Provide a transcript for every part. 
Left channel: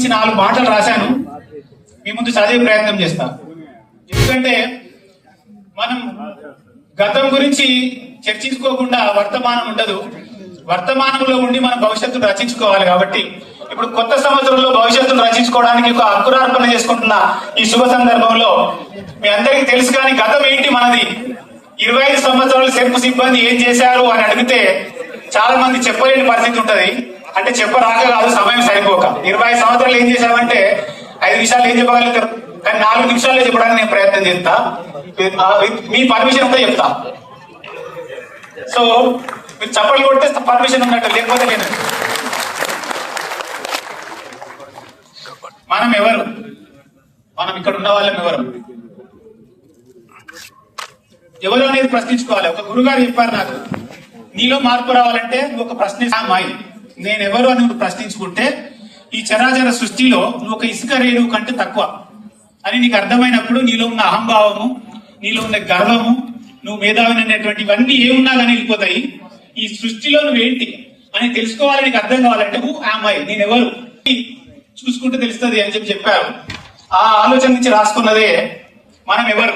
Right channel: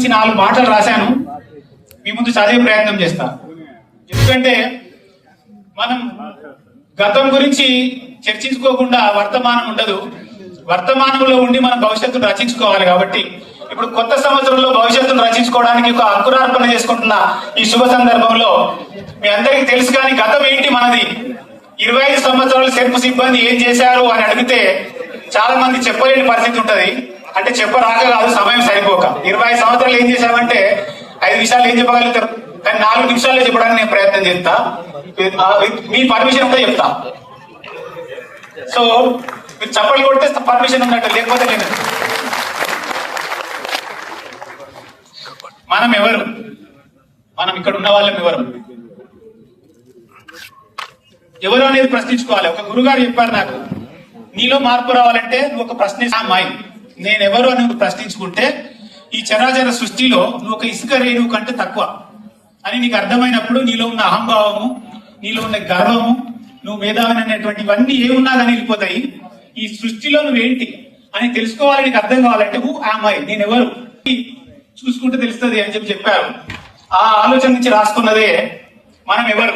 సంబంధించి 4 మాటలు రాశాను, మీ ముందు చదివే ప్రయత్నం చేస్తా. ఎందుకంటే మనం గతం గురించి చర్చించుకోకుండా వర్తమానం ఉండదు, వర్తమానంలో ఉండి మనం భవిష్యత్తును రచించుకోవాలి. కాబట్టి ఇప్పుడు కొత్త సంవత్సరంలో భవిష్యత్తును రచించుకోవడానికి ఒక అంకురార్పణ చేసుకుంటున్న ఈ శుభ సందర్భంలో మీ అందరికీ తెలుసు. కానీ గతం ఏంటి మనది? 25 సంవత్సరాలు సెర్పు సిబ్బంది ఏం చేశారు అని అడిగితే చాలా మంది చెప్పలేని పరిస్థితి ఉంటది. అంటే చెప్పరాక కాదు, సమయం సరిపోక. 25 సంవత్సరాలు ఏం చేశామంటే 5 నిమిషాలు ఏం చెప్పగలుగుతారు, కానీ 4 నిమిషాలు చెప్పడానికి నేను ప్రయత్నం చేస్తా. మీ పర్మిషన్ ఉంటే చెప్తా. సో మీరు చప్పట్లు కొడితే పర్మిషన్ ఉన్నట్టు, లేకపోతే లేదు. మనం ఎవరు? మనం ఇక్కడ ఉన్న వాళ్ళం ఎవరు అనేది ప్రశ్నించుకోవాలి. ఒక గురుగారు చెప్పారు నాకు, నీలో మార్పు రావాలంటే నువ్వు ఒక ప్రశ్న మాయి నేను ఎవరు అని నువ్వు ప్రశ్నించుకుంటే ఈ చరాచర సృష్టిలో నువ్వు ఒక ఇసుక రేణువు కంటే తక్కువ అని నీకు అర్థమైనప్పుడు నీలో ఉన్న అహంభావము, నీలో ఉన్న గర్వము, నువ్వు మేధావిని అనేటువంటి ఇవన్నీ ఏమున్నా కానీ వెళ్ళిపోతాయి. ఈ సృష్టిలో నువ్వేంటి అని తెలుసుకోవాలి, నీకు అర్థం కావాలంటే అమ్మాయి నేనెవరు చూసుకుంటే తెలుస్తుంది అని చెప్పారు. ఆ ఆలోచన నుంచి రాసుకున్నదే మనం ఎవరు,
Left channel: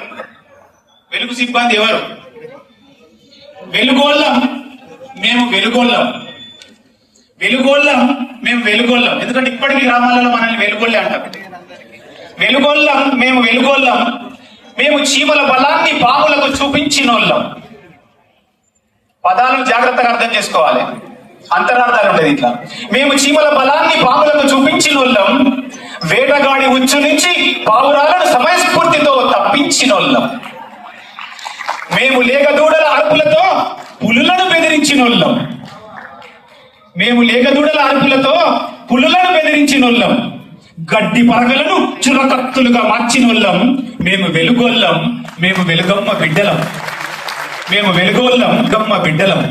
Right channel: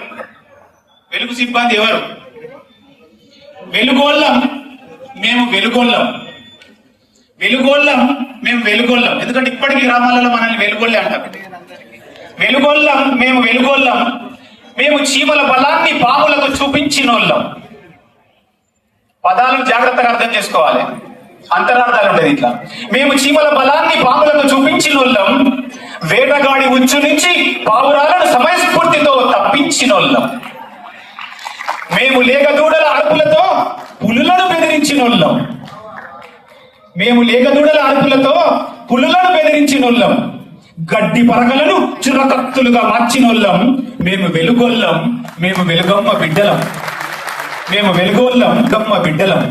వెలుగు సిబ్బంది ఎవరు, వెలుగోళ్ళం మేము వెలుగోళ్ళం, వెలుగోళ్ళం మేము వెలుగోళ్ళం. ఎందుకంటే ఇప్పటికీ గ్రామాలలో మనల్ని వెలుగోళ్ళే అంటారు. వెలుగోళ్ళం మేము వెలుగోళ్ళం, మేము చీమల బలాన్ని పాములకు చూపించినోళ్ళం. పదాలను జాగ్రత్తగా అర్థం చేసుకోవాలి, అంతరార్థాలు ఉండేది ఇట్లా. మేము చీమల బలాన్ని పాములకు చూపించినోళ్ళం, వేటగాడి ఉచ్చు నుంచి పావురాలను సమయస్ఫూర్తితో తప్పించినోళ్ళం. మేము లేగదూడల అరుపులతో పులులను బెదిరించినోళ్ళం, మేము లేగదూడల అరుపులతో పులులను బెదిరించినోళ్ళం, గడ్డి పరగలను చురకత్తులుగా మార్చినోళ్ళం. మేము వెలుగోళ్ళం, మేము వెలుగమ్మ బిడ్డలం, మేము వెలుగోళ్ళం గమ్మ బిడ్డలం.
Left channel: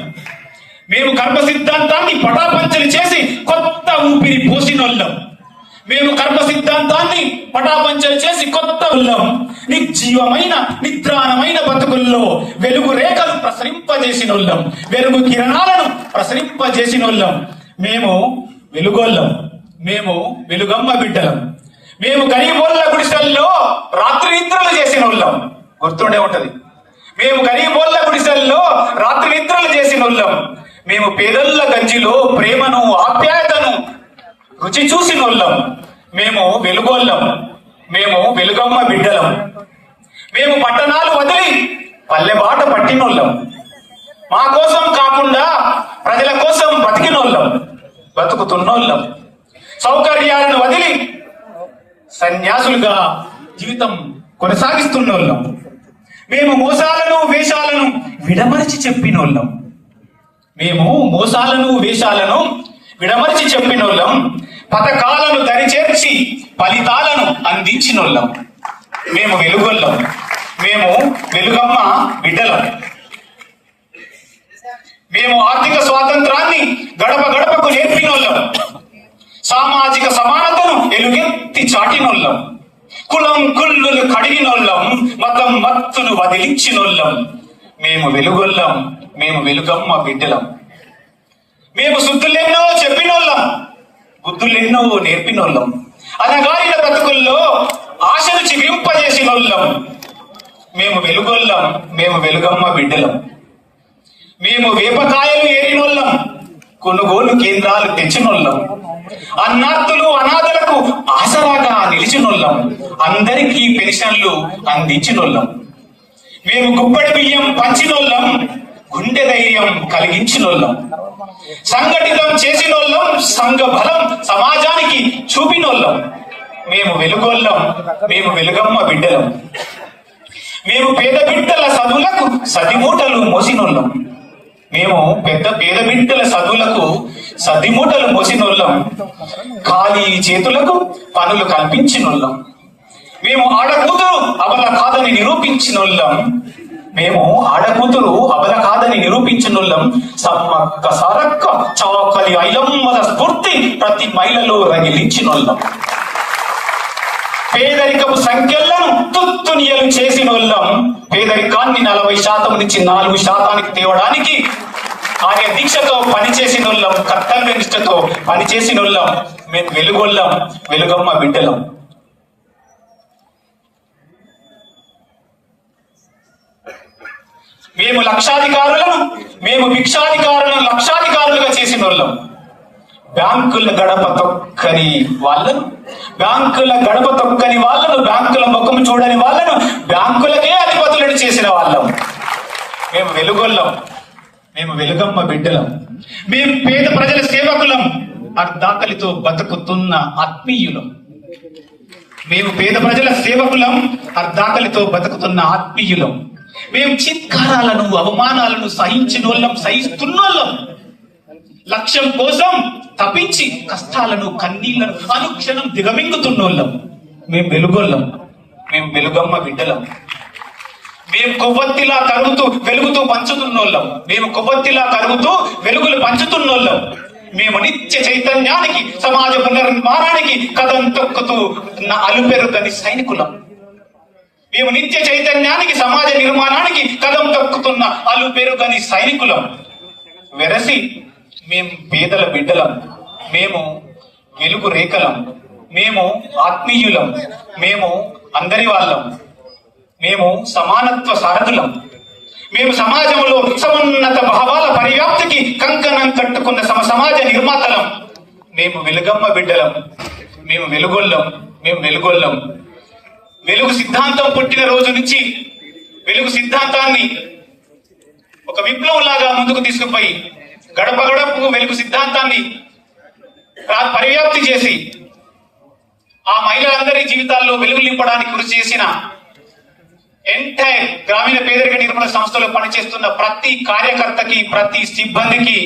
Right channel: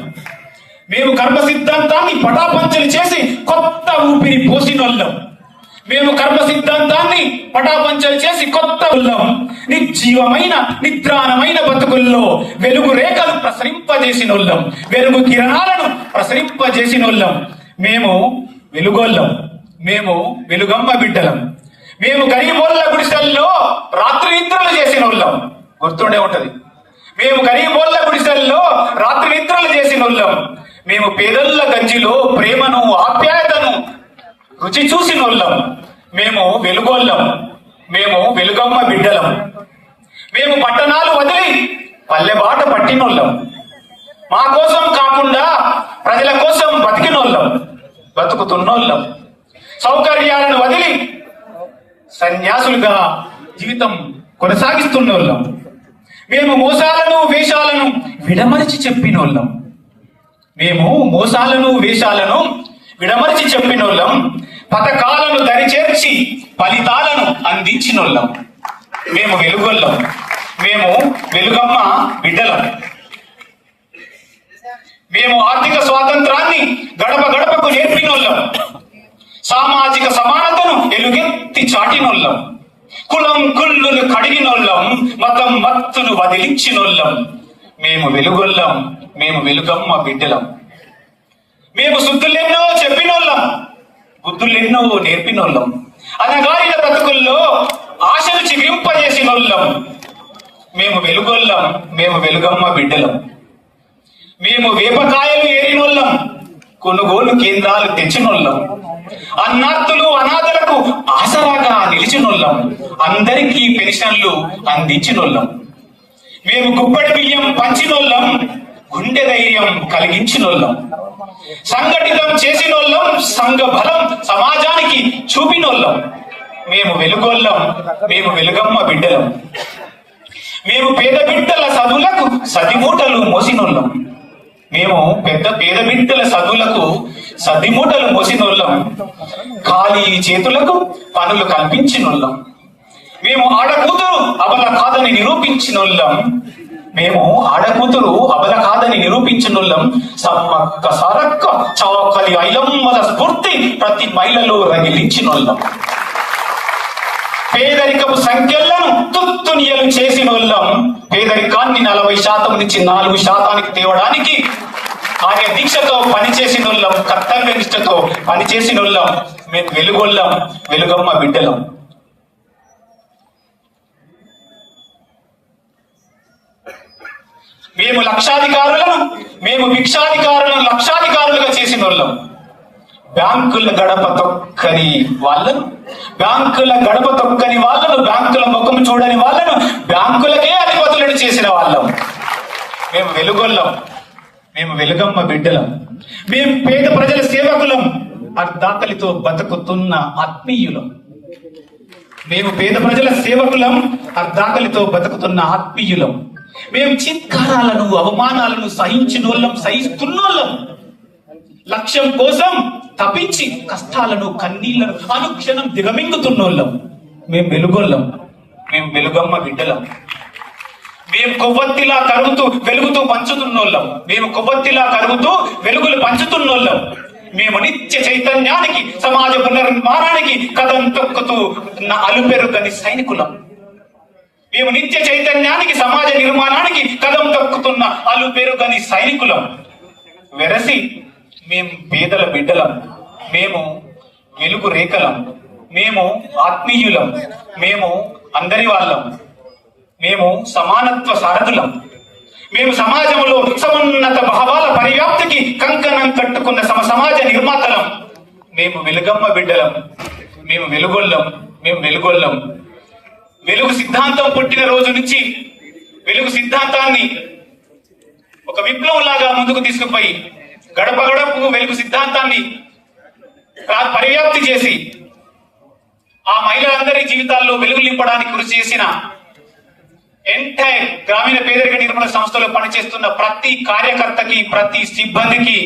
మేము కర్మ సిద్ధాంతాన్ని పటాపంచలు చేసి కొత్త ఊపిరి పోసినోళ్ళం, మేము కర్మ సిద్ధాంతాన్ని పటాపంచలు చేసి కొత్త ఉల్లం. నిర్జీవమైన నిద్రాణమైన బతుకుల్లో వెలుగు రేఖలు ప్రసరింపజేసినోళ్ళం, వెలుగు కిరణాలను ప్రసరింపజేసినోళ్ళం. మేము వెలుగోళ్ళం, మేము వెలుగమ్మ బిడ్డలం. మేము గరీబోళ్ళ గుడిసెల్లో రాత్రి నిద్రలు చేసినోళ్ళం, గుర్తుండే ఉంటది. మేము గరీబోళ్ళ గుడిసెల్లో రాత్రి నిద్రలు చేసినోళ్ళం. మేము పేదల గంజిలో ప్రేమను ఆప్యాయతను రుచి చూసినోళ్ళం. మేము వెలుగోళ్ళం, మేము వెలుగమ్మ బిడ్డలం. మేము పట్టణాలు వదిలి పల్లె బాట పట్టినోళ్ళం, మా కోసం కాకుండా ప్రజల కోసం బతికినోళ్ళం, బతుకుతున్నోళ్ళం. సౌకర్యాలను వదిలి సన్యాసులుగా జీవితం కొనసాగిస్తున్నోళ్ళం. మేము మోసాలను వేషాలను విడమరిచి చెప్పినోళ్ళం, మేము మోసాలను వేషాలను విడమరిచి చెప్పినోళ్ళం. పథకాలను దరిచేర్చి ఫలితాలను అందించినోళ్ళం. మేము వెలుగోళ్ళం, మేము వెలుగమ్మ బిడ్డలం. మేము ఆర్థిక స్వాతంత్రాన్ని గడప గడపకు నేర్పినోళ్ళం, సామాజిక సమానతను ఎలుగెత్తి చాటినోళ్ళం. కులం కుళ్ళును కడిగినోళ్ళం, మతం మత్తును వదిలించినోళ్ళం. మేము వెలుగోళ్ళం, మేము వెలుగమ్మ బిడ్డలం. మేము శుద్ధులెన్నో చెప్పినోళ్ళం, బుద్ధులెన్నో నేర్పినోళ్ళం. అనగారిన బ్రతుకుల్లో ఆశలు చివింపజేసినోళ్ళం. మేము వెలుగోళ్ళం, మేము వెలుగమ్మ బిడ్డలం. మేము వేపకాయలు ఏరినోళ్ళం, కొనుగోలు కేంద్రాలు తెచ్చినోళ్ళం. అన్నార్థులు అనాథలకు ఆసరాగా నిలిచినోళ్ళం, అందరికీ పెన్షన్లు అందించినోళ్ళం. మేము గుప్పడి బియ్యం పంచినోళ్ళం, గుండె ధైర్యం కలిగించినోళ్ళం. సంఘటితం చేసినోళ్ళం, సంఘ బలం సమాజానికి చూపినోళ్ళం. మేము వెలుగోళ్ళం, మేము వెలుగమ్మ బిడ్డలం. మేము పేద బిడ్డల చదువులకు సతిమూటలు మోసినోళ్ళం, మేము పేద బిడ్డల చదువులకు సతిమూటలు మోసినోళ్ళం. ఖాళీ చేతులకు పనులు కల్పించినోళ్ళం. మేము ఆడకూతురు అబల కాదని నిరూపించినోళ్ళం, మేము ఆడకూతురు అబల కాదని నిరూపించినోళ్ళం. సమ్మక్క సారక్క చాకలి ఐలమ్మల స్ఫూర్తి ప్రతి మహిళలో రగిలించినోళ్ళం. పేదరికపు సంఖ్యలను తుత్తునియలు చేసినోళ్ళం. పేదరికాన్ని 40% నుంచి 4% తేవడానికి ఆయన దీక్షతో పనిచేసినోళ్ళం, కర్తవ్య నిష్ఠతో పనిచేసిన వాళ్ళం. మేము వెలుగొల్లం, వెలుగమ్మ బిడ్డలం. మేము లక్షాధికారులను, మేము భిక్షాధికారులను లక్షాధికారులుగా చేసిన వాళ్ళం. బ్యాంకుల గడప తొక్కని వాళ్ళను, బ్యాంకుల గడప తొక్కని వాళ్ళను, బ్యాంకుల ముఖం చూడని వాళ్ళను బ్యాంకులకే అధిపతులను చేసిన వాళ్ళం. మేము వెలుగొల్లం, మేము వెలుగమ్మ బిడ్డలం. మేము పేద ప్రజల సేవకులం, అర్ధాకలితో బతుకుతున్న ఆత్మీయులం. మేము పేద ప్రజల సేవకులం, అర్ధాకలితో బతుకుతున్న ఆత్మీయులం. మేము చిత్కారాలను, అవమానాలను సహించినోళ్ళం, సహిస్తున్నోళ్ళం. లక్ష్యం కోసం తప్పించి కష్టాలను, కన్నీళ్లను అనుక్షణం దిగమింగుతున్నోళ్ళం. మేము వెలుగొల్లం, మేము వెలుగమ్మ బిడ్డలం. మేము కొవ్వొత్తిలా కరుగుతూ వెలుగుతూ పంచుతున్నోళ్ళం. మేము కొవ్వొత్తిలా కరుగుతూ వెలుగులు పంచుతున్నోళ్ళం. మేము నిత్య చైతన్యానికి, సమాజ పునర్నిర్మాణానికి కథం తొక్కుతూ అలుపెరుగని సైనికులం. మేము నిత్య చైతన్యానికి, సమాజ నిర్మాణానికి కథం తొక్కుతున్న అలుపెరుగని సైనికులం. వెరసి మేము పేదల బిడ్డలం, మేము వెలుగు రేఖలం, మేము ఆత్మీయులం, మేము అందరి వాళ్ళం, మేము సమానత్వ సారథులం. మేము సమాజంలో సమున్నత భావాల పరివ్యాప్తికి కంకణం కట్టుకున్న సమాజ నిర్మాతలం. మేము వెలుగమ్మ బిడ్డలం, మేము వెలుగొల్లం, మేము వెలుగొల్లం. వెలుగు సిద్ధాంతం పుట్టిన రోజు నుంచి వెలుగు సిద్ధాంతాన్ని ఒక విప్లవంలాగా ముందుకు తీసుకుపోయి గడప గడపకు వెలుగు సిద్ధాంతాన్ని పరివ్యాప్తి చేసి ఆ మహిళలందరి జీవితాల్లో వెలుగు నింపడానికి కృషి చేసిన ఎంటైర్ గ్రామీణ పేదరిక నిర్మూలన సంస్థలో పనిచేస్తున్న ప్రతి కార్యకర్తకి, ప్రతి సిబ్బందికి,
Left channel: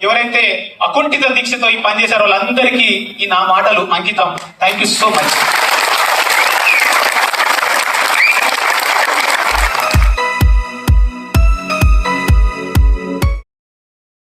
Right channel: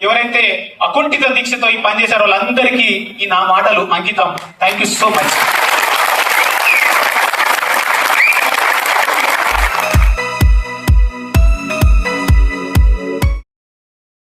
ఎవరైతే అకుంఠిత దీక్షతో ఈ పనిచేశారో వాళ్ళందరికీ ఈ నా మాటలు అంకితం. Thank you so much.